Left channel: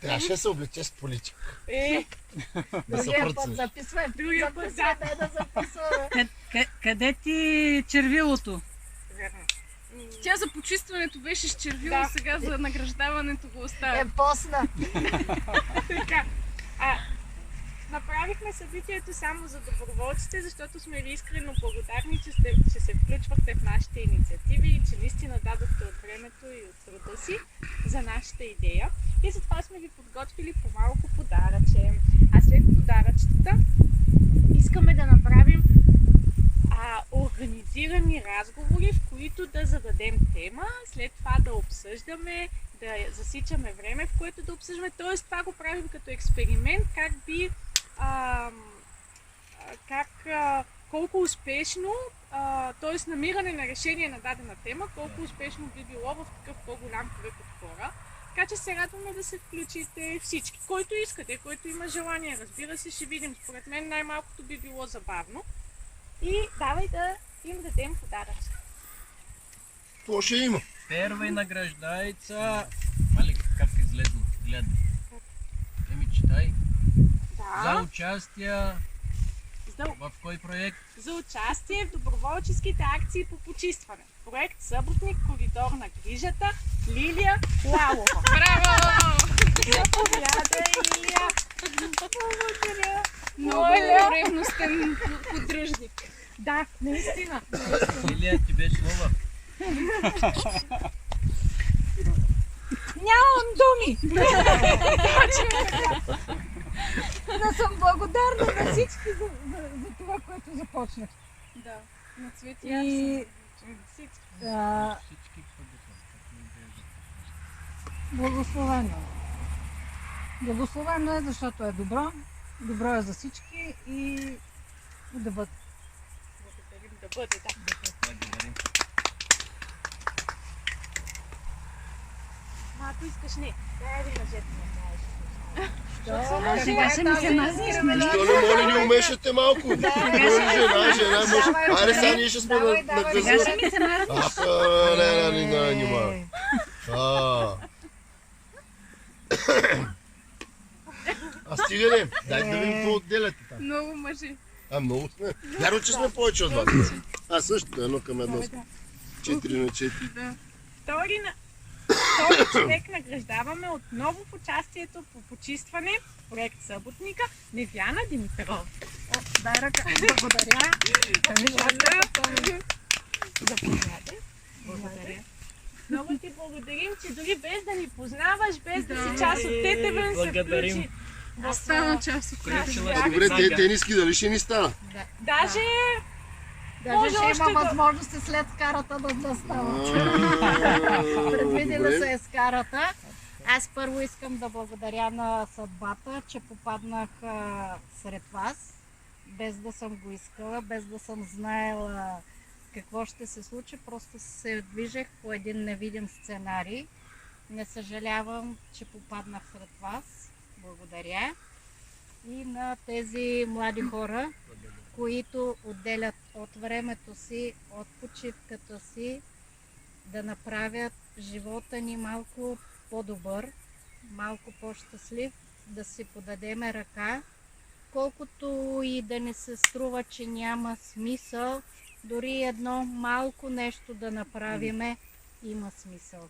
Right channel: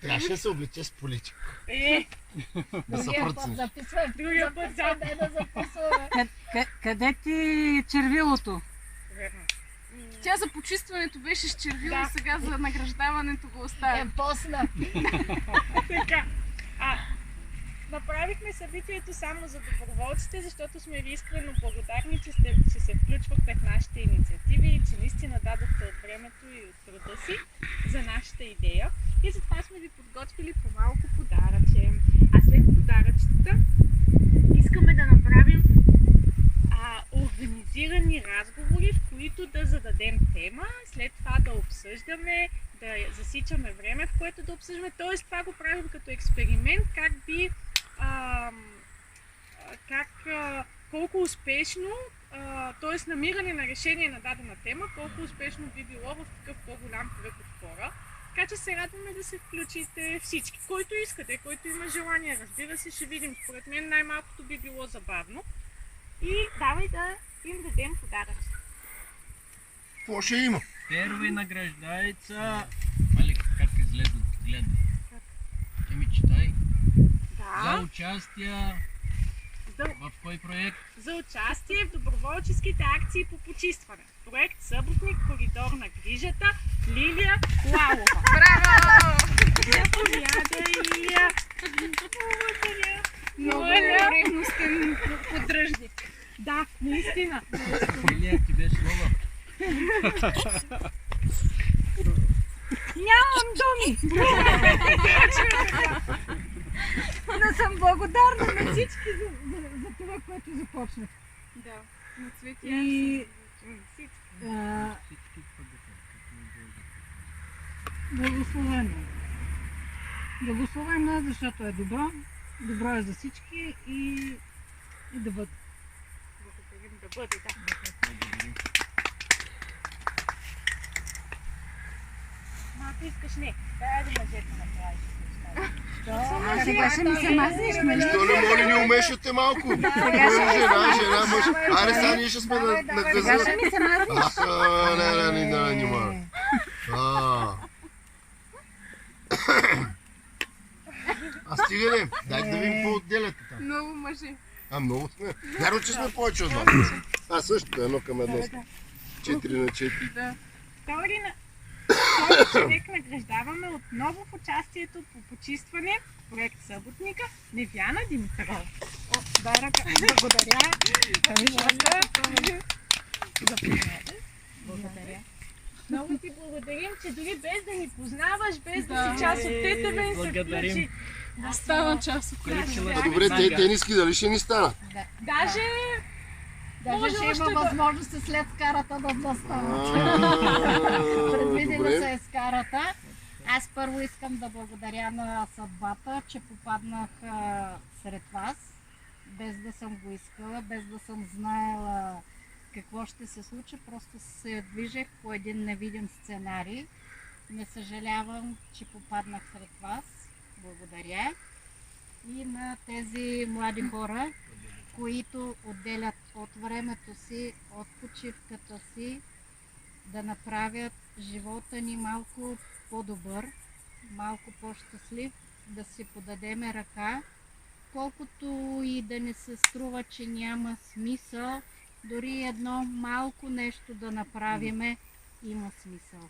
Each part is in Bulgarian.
Трябваше да се облече с поличка. Да се Другия път записвай, другия път да записваме. Къде ти червилото? Тя за почистването беше с червило, сега за награждаването го оставя. Посна. Така. Направихме събитието само за доброволците, защото сме ви искрено благодарни, че се включвахте в нашите инициативи и че наистина дадохте от времето и от труда си за нашата идея. И затова сме ви подготвили по малко подаръче. А след подаръчетата искаме да направим организирани разговори, в които да зададем тема, след това да обсъждаме, да засичаме време, в което да обсъждаме. Тоест, това го правим като експеримент, колко успешно, т.е. намиране на решение на дадена тема, колко успешно би било в такъв по-голям кръг от хора. Така че се радваме да се включите всички. Който искате, който има желание, разбира се, ще видим. Според мен най-малкото би било забавно. И давай да им дадем подаръчета. Какво ще има? Първа награждается. Мале, как излезна? Гледай. Читай. За участие в кой проект? За участие в доброволческите акции по почистване. Проект Съботник, коридор на грижата, Лилия Лалова. Браво! Заповядай, Лилия. Много ревностен поддръжник. Да, наистина. Лилия, ти беше слова. Нямам думи! Да съм благодарна на всички за това, което започнах. Да, на Цвети И благословено. Благословено е, защото е добро. Добро е за всички и да бъде. Да бъде, да. Ако искаш, не. Дай да мъжете направиш. Сега ще ми се мазнеш, нали? Що не моли, не умешате малко? Жена, мъж. Айде, сега ние ще сме на газа. Сега ще ми се мазнеш. Не. Стига не. Дайте да видим какво отделяте там. Много мъжи. Много сме. Вярно, че сме повече от вас. Същото, 1 към 1. 4 на 4. Втори човек награждаваме отново в участието по почистване в проект Съботника Лилияна Димитрова. Дай ръка. Благодаря. Благодаря. Много ти благодарим, че дори без да ни познаваш, без да си част от ТТВ, се включи. Стана част от ТТВ. Добре, тениски дали ще ни стана? Даже ще има възможности след скарата да станат. Предвидена се е скарата. Аз първо искам да благодаря на съдбата, че попаднах сред вас, без да съм го искала, без да съм знаела какво ще се случи. Просто се движех по един невидим сценарий. Не съжалявам, че попаднах сред вас. Благодаря. И на тези млади хора, които отделят от времето си, от почивката си, да направят живота ни малко по-добър, малко по-щастлив, да си подадеме ръка, колкото и да не се струва, че няма смисъл, дори едно малко нещо да направиме, има смисъл.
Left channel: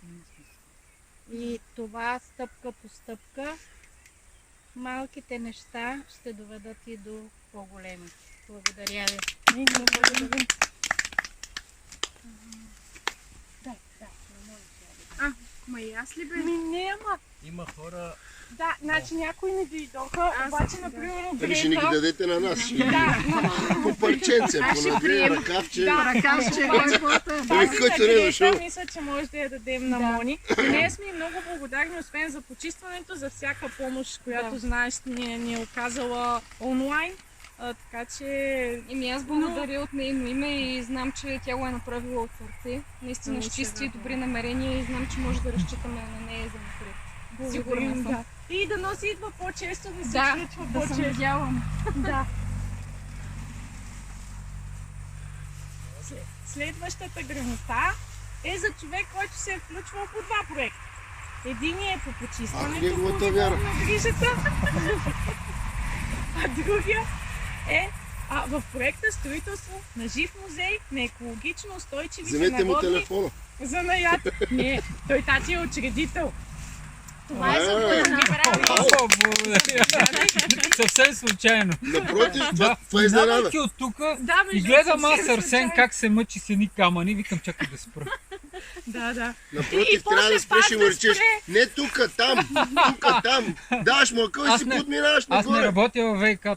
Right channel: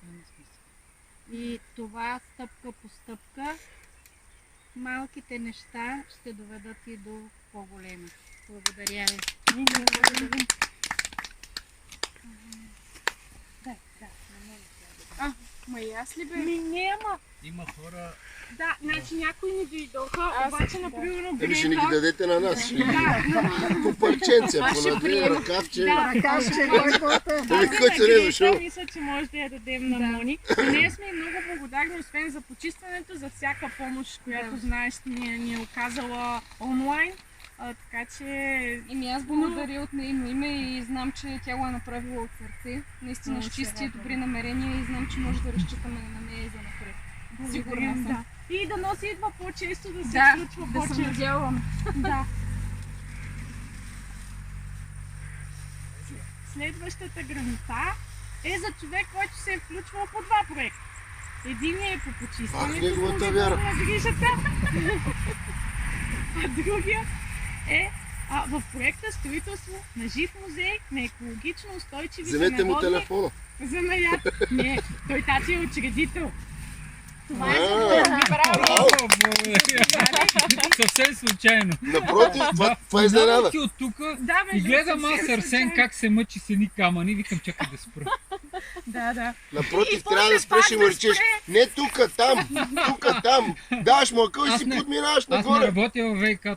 И това стъпка по стъпка, малките неща ще доведат и до по-големи. Благодаря ви. Ма и аз ли бе? Няма. Има хора. Да, значи някои не дойдоха, обаче, например, Дали ще ни ги дадете на нас? По парченце, по две ръкавче. Който не е дошъл. Мисля, че може да я дадем на Мони. Ние сме много благодарни, освен за почистването, за всяка помощ, която знаеш, ни е оказала онлайн. Така че... Аз благодаря от нейно име и знам, че тя го е направила от сърце. Наистина с чисти и добри намерения и знам, че може да разчитаме на нея за напред. Сигурна съм. Да. И да носи идва по-често, да се случва да по-често. се надявам. Да. Следващата грамота е за човек, който се е включвал по два проекта. Единият е по почистването неговата вяра. на грижата, а другия е в проекта строителство на жив музей на екологично устойчиви Вземете му народни телефона. занаят. Не, той тати е учредител. Това е за А, О, благодаря. Съвсем случайно. напротив, това е Минавайки изненада. от тук Да, и между гледам съвсем аз Арсен случайно. как се мъчи с едни камъни, викам чакай да спра. Да. Напротив, И трябва да после спреш и пак му да речеш, спре. не тука, там, тука, там. Даваш му акъл и Аз си не- подминаваш Аз не нагоре. работя във ВИК-то.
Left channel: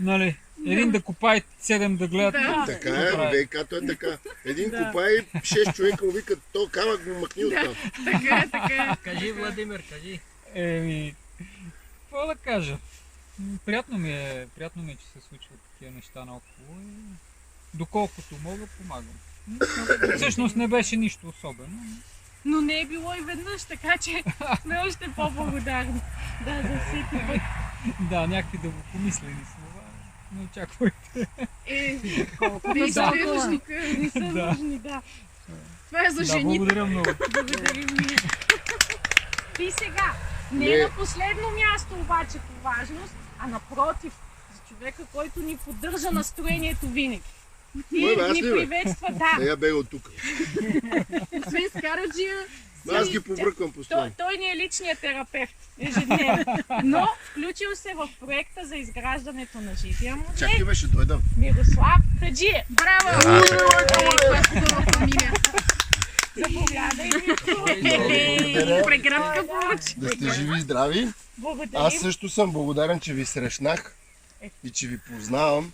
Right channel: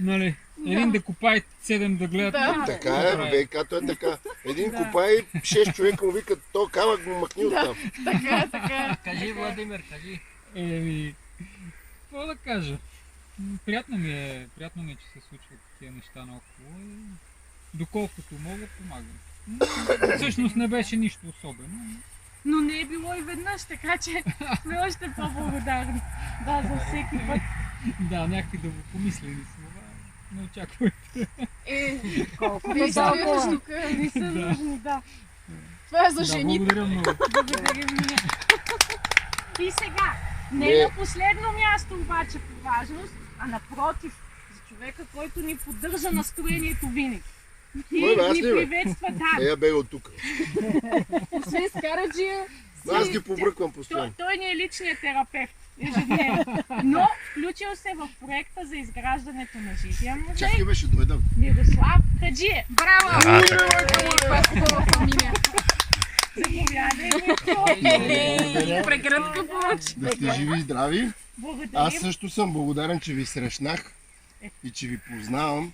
Нали? Един да копае, 7 да гледат. Да. Така е, ВК-то е така. Един копай, 6 човека му викат, то камък му махни оттам. Така. Кажи, Владимир, кажи. Еми, какво да кажа? Приятно ми е, че се случват такива неща наоколо и доколкото мога, помагам. Всъщност не беше нищо особено. Но не е било и веднъж, така че сме още по-благодарни. Да, за всеки път. Да, някакви да го помислили слова. Не очаквайте. Действията тук Не са Да. нужни, да. това е за Да, жени. благодаря много. Благодарим ние. И сега, не на последно място обаче по важност, а напротив, за човека, който ни поддържа настроението винаги. Кой бе, аз Ни ли, бе? приветства, да. Я бега от тук. Освен с Караджия, Аз ги побръквам Той, постоянно. той ни е личният терапевт ежедневно. Но включил се в проекта за изграждането на живия музей. Чакай беше, дойдам. Мирослав Хаджиев. Браво! това е хубава фамилия. Заповядай. Благодаря. Прегръдка получи. Да сте живи и здрави. Благодарим. Аз също съм благодарен, че ви срещнах и че ви познавам,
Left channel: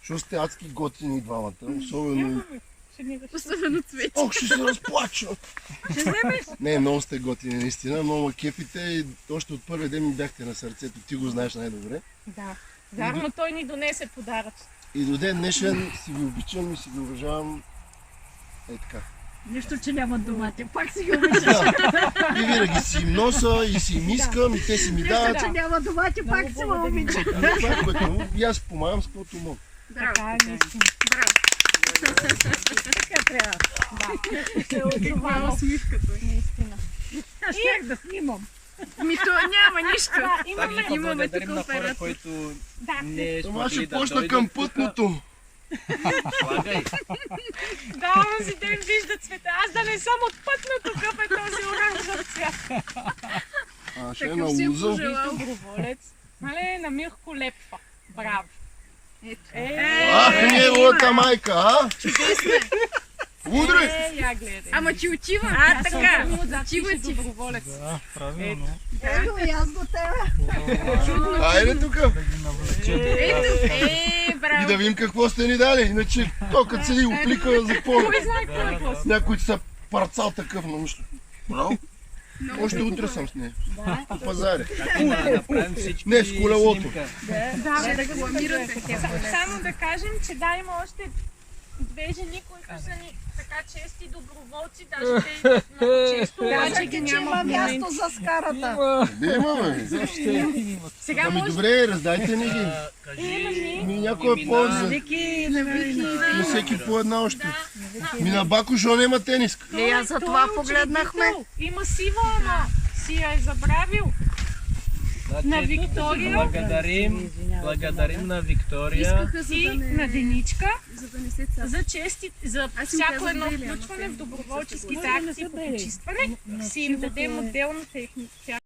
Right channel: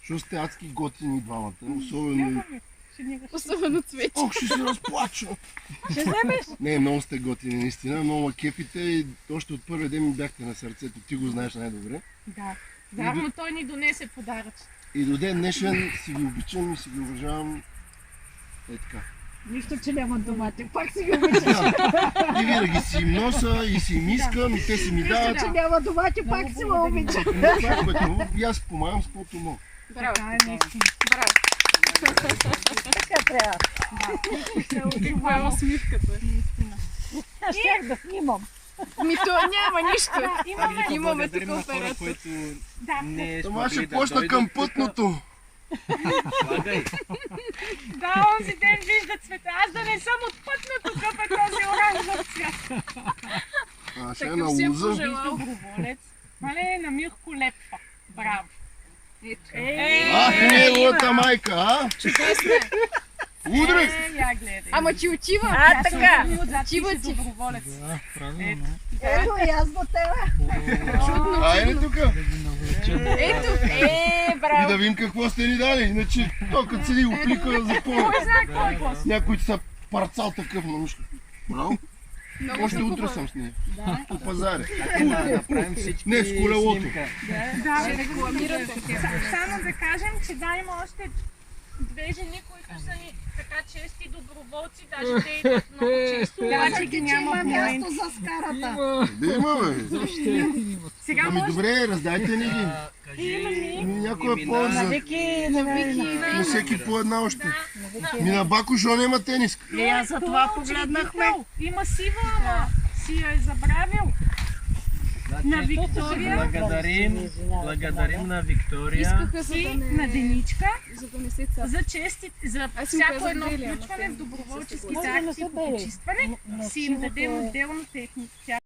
защото сте адски готини двамата. Особено... Особено цвети. Ох, ще се разплача! Ще вземеш? Не, много сте готини, наистина. Много ме кефите и още от първи ден ми бяхте на сърцето. Ти го знаеш най-добре. Да. Вярно, той ни донесе подарък. И до ден днешен си ги обичам и си ги уважавам. Е така. Нищо, че нямат домати. Пак си ги обичаш. Да. И винаги си им носа и си им искам и те си ми дават. Че няма домати, пак си ме обичаш. Това е което мога. И аз помагам с каквото мога. Браво. Така е наистина. Браво. Така трябва. Се отзовава Това усмивката. наистина. Аз щях да снимам. Ми то няма нищо. Да, Пак имаме. нека Имаме благодарим тук на хора, оператор. които Да. не Ама смогли ще да почна дойдат към тук. пътното. Слагай. Да, онзи ден вижда цвета. Аз да не съм от пътното, какъв е този оранжев цвят. А, ще е Такъв на си е луза. пожелал. Доброволец. Мале, на Мирко Лепва. Браво. Ах, неговата майка, а? Чудесна. Удрай! Я гледай. Ама че отива. Тя така. Отива Отива ти. доброволец. Да, правилно. Ето и аз до тебе. Айде тук! Да ги навлечем. Ето. И Браво. да видим какво сте ни дали. Иначе, то като седи го плика за какво. Кой знае какво е какво? Някой са парцал такъв на нищо. Браво. Много Още се утре хубаво. съм с нея. По пазаре. Да направим всички Не, с колелото. снимка. Да, Да рекламирате. Само да кажем, че да, има още две жени, които са ни така чести доброволци, даже те идват много често, обаче Казах ги ти, че няма има в момента. място за скарата. Има. Да имаме. Сега Ами може добре, раздайте ни ги. Кажи Ми някоя имена. полза. Вики, на Вики. И всеки по една още. Ми на Бако, що няма тениска? И аз за това погледнахме. Има сива, ама си я е забравил. Значи, На Виктория благодарим на Виктория. Искаха, за И да на не, Деничка за да не се цапа. за чести, за Аз им всяко казах едно Делия, ама включване те в доброволческите Може да не акции са по бели. почистване. Си им дадем отделно техника.